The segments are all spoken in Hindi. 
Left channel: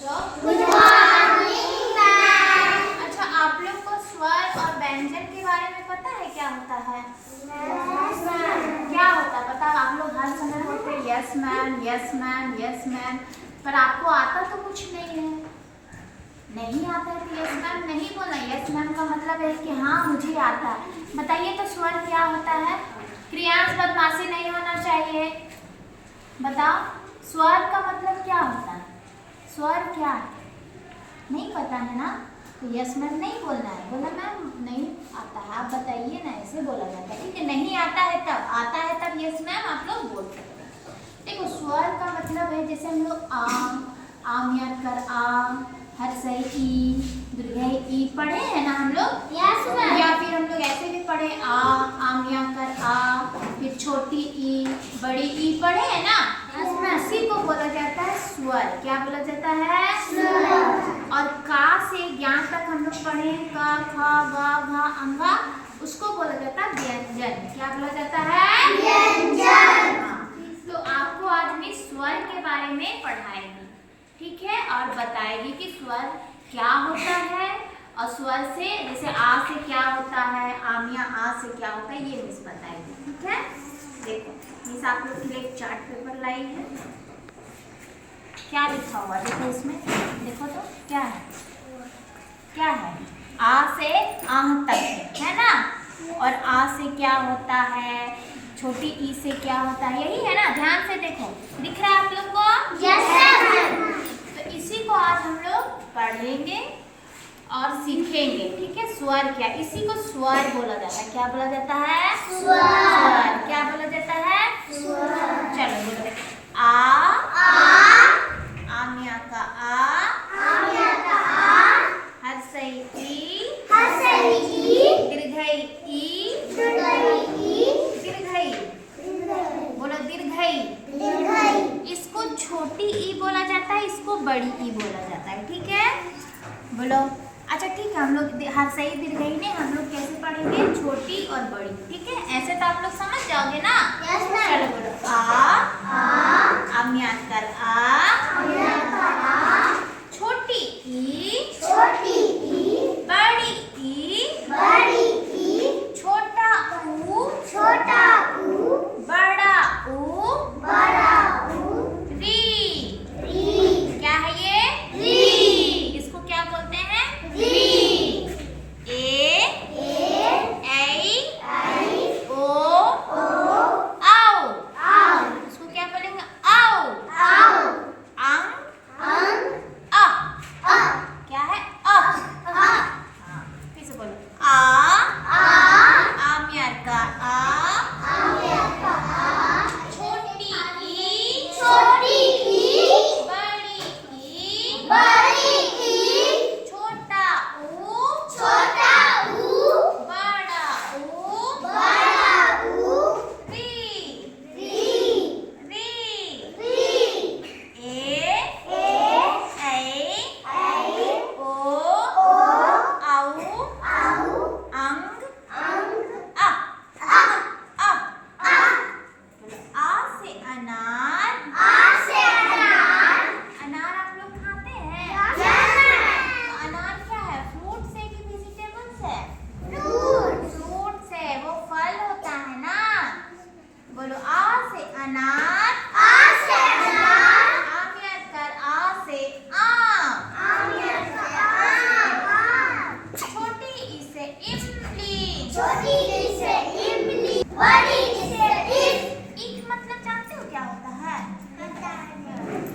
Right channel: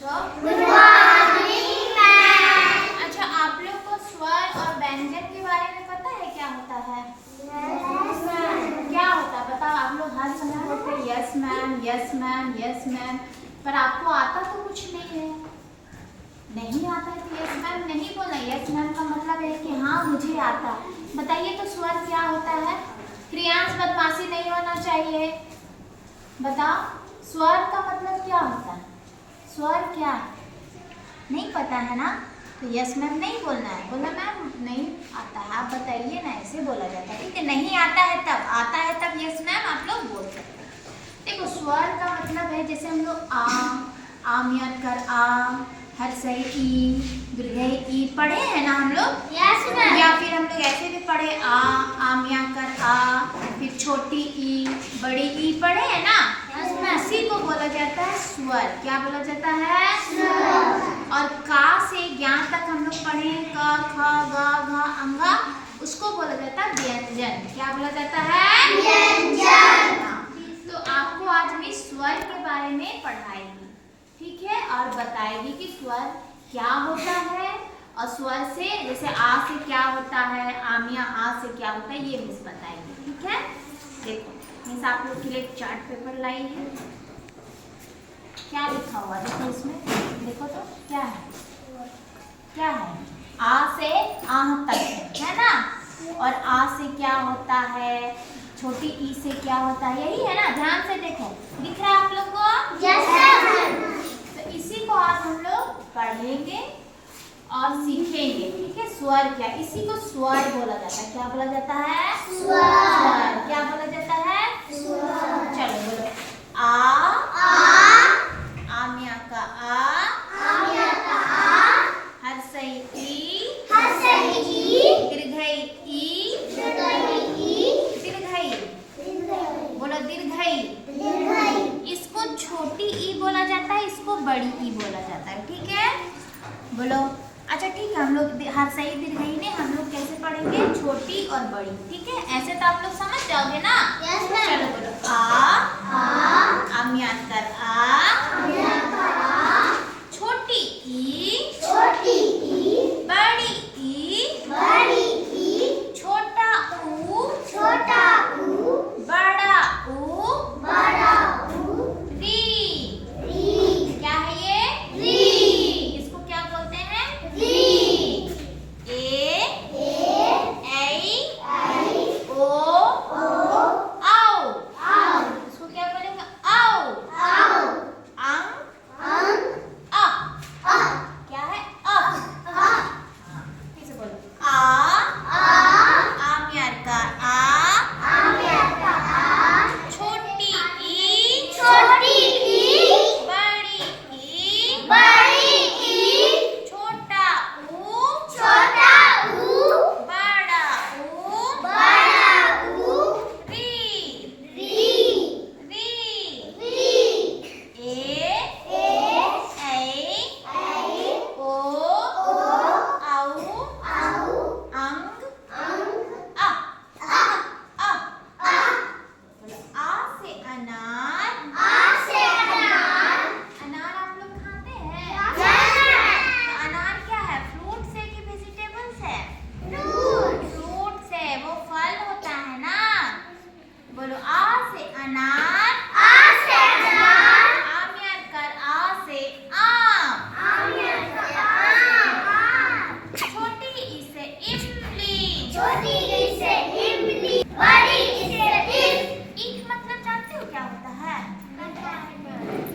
Good morning ma'am. अच्छा, आप लोग को स्वर और व्यंजन के बारे में पता है क्या होता है? क्या होता है बताओ। आप लोग हर समय बोलते हैं yes ma'am, yes ma'am, yes ma'am, पर आपको आता तो कुछ नहीं है। नहीं आता है तो यस मैम नहीं बोलना। यस मैम का मतलब है कि हाँ मुझे आता है। बताइए तो स्वर क्या होता है? क्रियांश बदमाशी नहीं होना चाहिए। बताओ स्वर का मतलब क्या होता है? स्वर क्या है? नहीं पता है ना, तो यस मैम नहीं बोलना है। बोला मैम नहीं आता है, आप बताइए ना, ऐसे बोला जाता है। ठीक है, नहीं आता है तब, आता है तब यस मैम आप लोग बोल सकते हैं। देखो स्वर का मतलब है जैसे हम लोग आमियत कर आ, हर सही ई, दीर्घई ई पढ़े हैं ना हम लोग। Yes ma'am. या फिर हम लोग ऐसे भी पढ़े आमिया कर आ, फिर छोटी ई बड़ी ई पढ़े हैं ना। इसी को बोला जाता है स्वर। क्या बोला जाता है? स्वर। और का से ज्ञा तक हम लोग पढ़े क ख ग घ अंगा, उसको बोला जाता है व्यंजन। क्या बोला जाता है? व्यंजन। हाँ, तो आपको आज मैं स्वर के बारे में पढ़ाएगी, ठीक है, और बताएगी कि स्वर क्या होता है। और स्वर से जैसे आ से क्या होता है, आमिया आ से क्या होता है, ये मिस बताएगी। ठीक है, देखो मिस आप लोग के लिए एक चार्ट पेपर लाई है। क्या लिखा हुआ देखो इसमें, देखो तो क्या है? क्या है? आ से आह तक है ना। और आ से क्या होता है, छोटी ई से क्या होता है, यही है ना। ध्यान से देखो, दिख रहा है आप लोग को? Yes ma'am. तो इसी को आज हम लोग पढ़ेंगे और सीखेंगे। ठीक है, स्वर क्या, इसी को स्वर बोला जाता है। क्या बोला जाता है? स्वर। क्या बोला जाता है? स्वर। चलो बोलो। आमिया का आ, आमिया का आ, हर सही ई, हर सही ई, दीर्घई ई, दीर्घई ई, दीर्घई, बोलो दीर्घई। दीर्घई। इसको छोटी ई बोला जाता है, इसको बड़ी ई बोला जाता है। ठीक है, बोलो। अच्छा ठीक है, हम लोग हर सही दीर्घई ने हम लोग कैसे पढ़ेंगे, छोटी और बड़ी। ठीक है, ऐसे तो आप लोग समझ जाओगे ना। Yes ma'am. चलो बोलो आमियात कर आ, आमिया का आ, छोटी ई, छोटी ई, बड़ी ई, बड़ी ई, छोटा ऊ, छोटा ऊ, बड़ा ऊ, बड़ा ऊ, री। री। क्या है ये? री। इसको क्या बोलते हैं? री। ए, ए, आई, ओ, ओ, आओ। आओ, इसको क्या बोलेंगे? आओ। आओ, अंग, अं, अ। अ, क्या है? अ। अ, हाँ, फिर से बोलो आ, आमियार का आ, आमिया का आ, छोटी ई, छोटी ई, बड़ी ई, बड़ी ई, छोटा ऊ, छोटा ऊ, बड़ा ऊ, बड़ा ऊ, री। री। री। री। ए, ए, आई, ओ, ओ, आऊ, आऊ, अंग, अंग, अ। आ, अ। आ, बोलो आ से अनार। आ से अनार। अनार आप लोग खाते हैं? Yes ma'am. तो अनार क्या है, फ्रूट्स है कि वेजिटेबल्स है? फ्रूट। फ्रूट्स है, वो फल होता है ना। बोलो आ से अनार, आ से अनार, आमियात कर आ से आम, आमिया का आम, छोटी ई से इमली, छोटी ई से इमली, बड़ी ई से ईख। ईख मतलब जानते हो क्या होता है?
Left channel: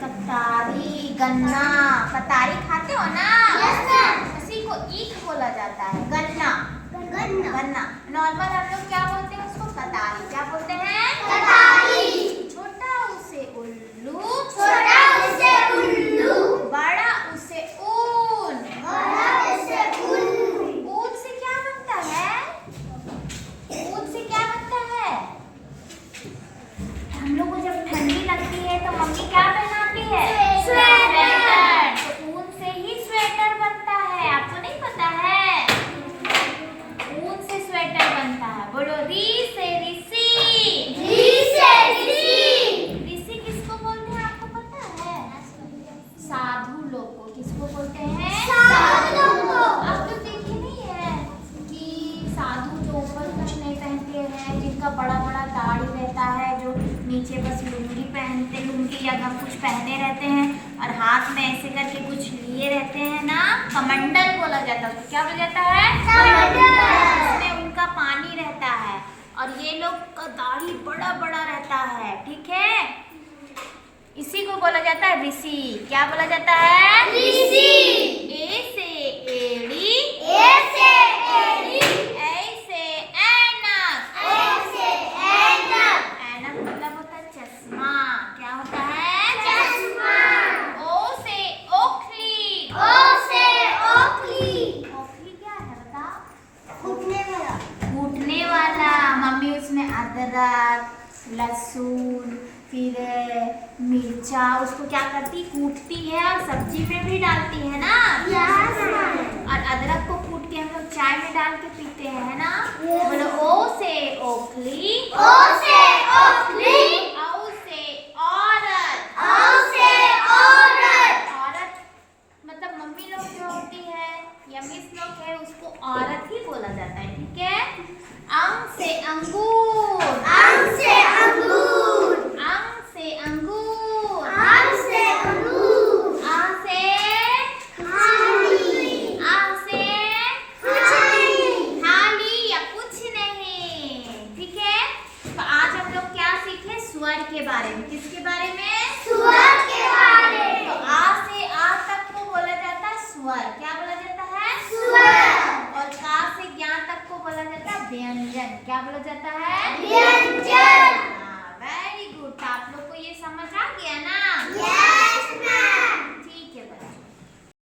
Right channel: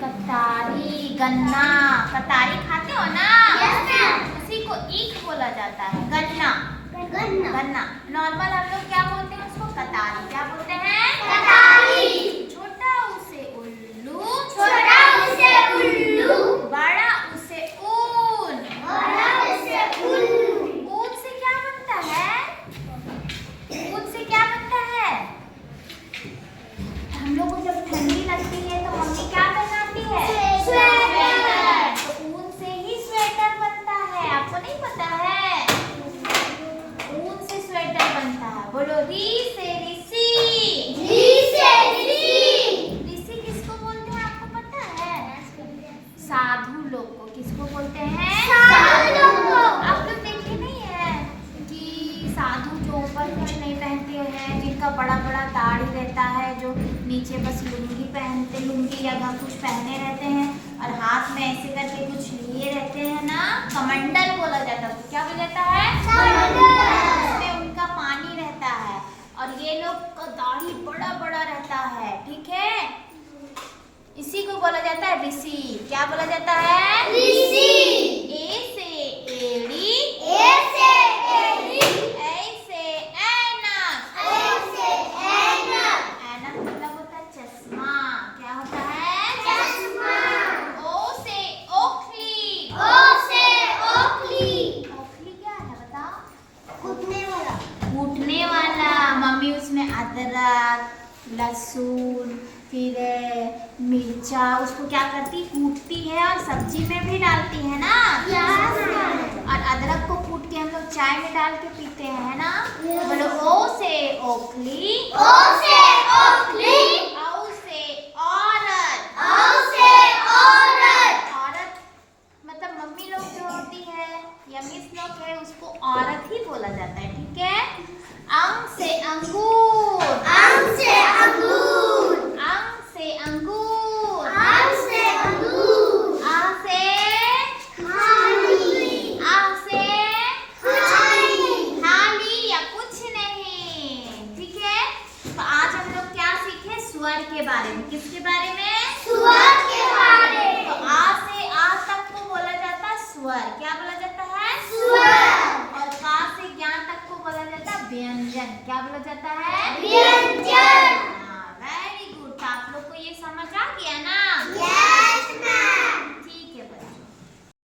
कतारी, गन्ना। कतारी खाते हो ना? Yes ma'am. इसी को ईख बोला जाता है, गन्ना। गन्ना। गन्ना नॉर्मल हम लोग क्या बोलते हैं उसको? कतारी। क्या बोलते हैं? कटारी। छोटा उसे उल्लू, छोटा उसे उल्लू, बड़ा उसे ऊन। बड़ा उसे उल्लू। ऊन से क्या बनता है? ऊन से क्या बनता है? हम लोग को जब ठंडी लगती है तो मम्मी क्या पहनाती है? स्वेटर। तो ऊन से ही स्वेटर बनता है, आपको नहीं पता है? ऊन से स्वेटर बनता है। बोलो री से ऋषि। री से ऋषि। ऋषि किसको बोलते हैं आपको पता है? किसको बोलते हैं? साधु को। आप लोग देखे नहीं है कि साधु जो ऊपर कुछ नहीं पहनते हैं, जिनका बड़ा बड़ा दाढ़ी रहता है, जो नीचे बस लुंगी पहनते, लुंगी या कुछ पहने रहते हैं और हाथ में ऐसे करके कुछ लिए रहते हैं ना, कमंडल बोला जाता है उसको। क्या बोला जाता है? कमंडल। उसमें उनका पानी रहता है और ये लोग का दाढ़ी बड़ा बड़ा रहता है, ठीक है। इसी को बोला जाता है ऋषि। क्या बोला जाता है? ऋषि। ए से एड़ी, ऐसे एड़ी, ऐसे ऐनक, ऐसे ऐनक, ऐनक मतलब होता है चश्मा। क्या होता है? चश्मा। ओ से ओखली, ओ से ओखली, ओखली क्या है बताओ? कूटने वाला। कूटने वाला। मम्मी उसमें अदरक, लहसुन, फिर मिर्चा उसको क्या करती, कूटती है और सब्जी में भी डालती है ना। और अदरक को कूट के हम लोग चाय में डाल के पीते हैं, है ना। बोलो ओ से ओखली, ओ से ओखली, औ से औरत, औ से औरत, औरत मतलब मम्मी लोग जो होती है या मिस लोग है उसको औरत ही बोला जाता है, ठीक है। अंग से अंगूर, अंग से अंगूर, अंग से अंगूर, अंग से अंगूर, आ से थाली, आ से थाली, थाली या कुछ नहीं, ठीक है। तो आज हम लोग क्या सीखे? स्वर के बारे में। किसके बारे में? स्वर के बारे। तो आ से आ तक को बोला जाता है स्वर। क्या बोला जाता है? स्वर। और का से ज्ञान तक को बोला जाता है व्यंजन। क्या बोला जाता है? व्यंजन।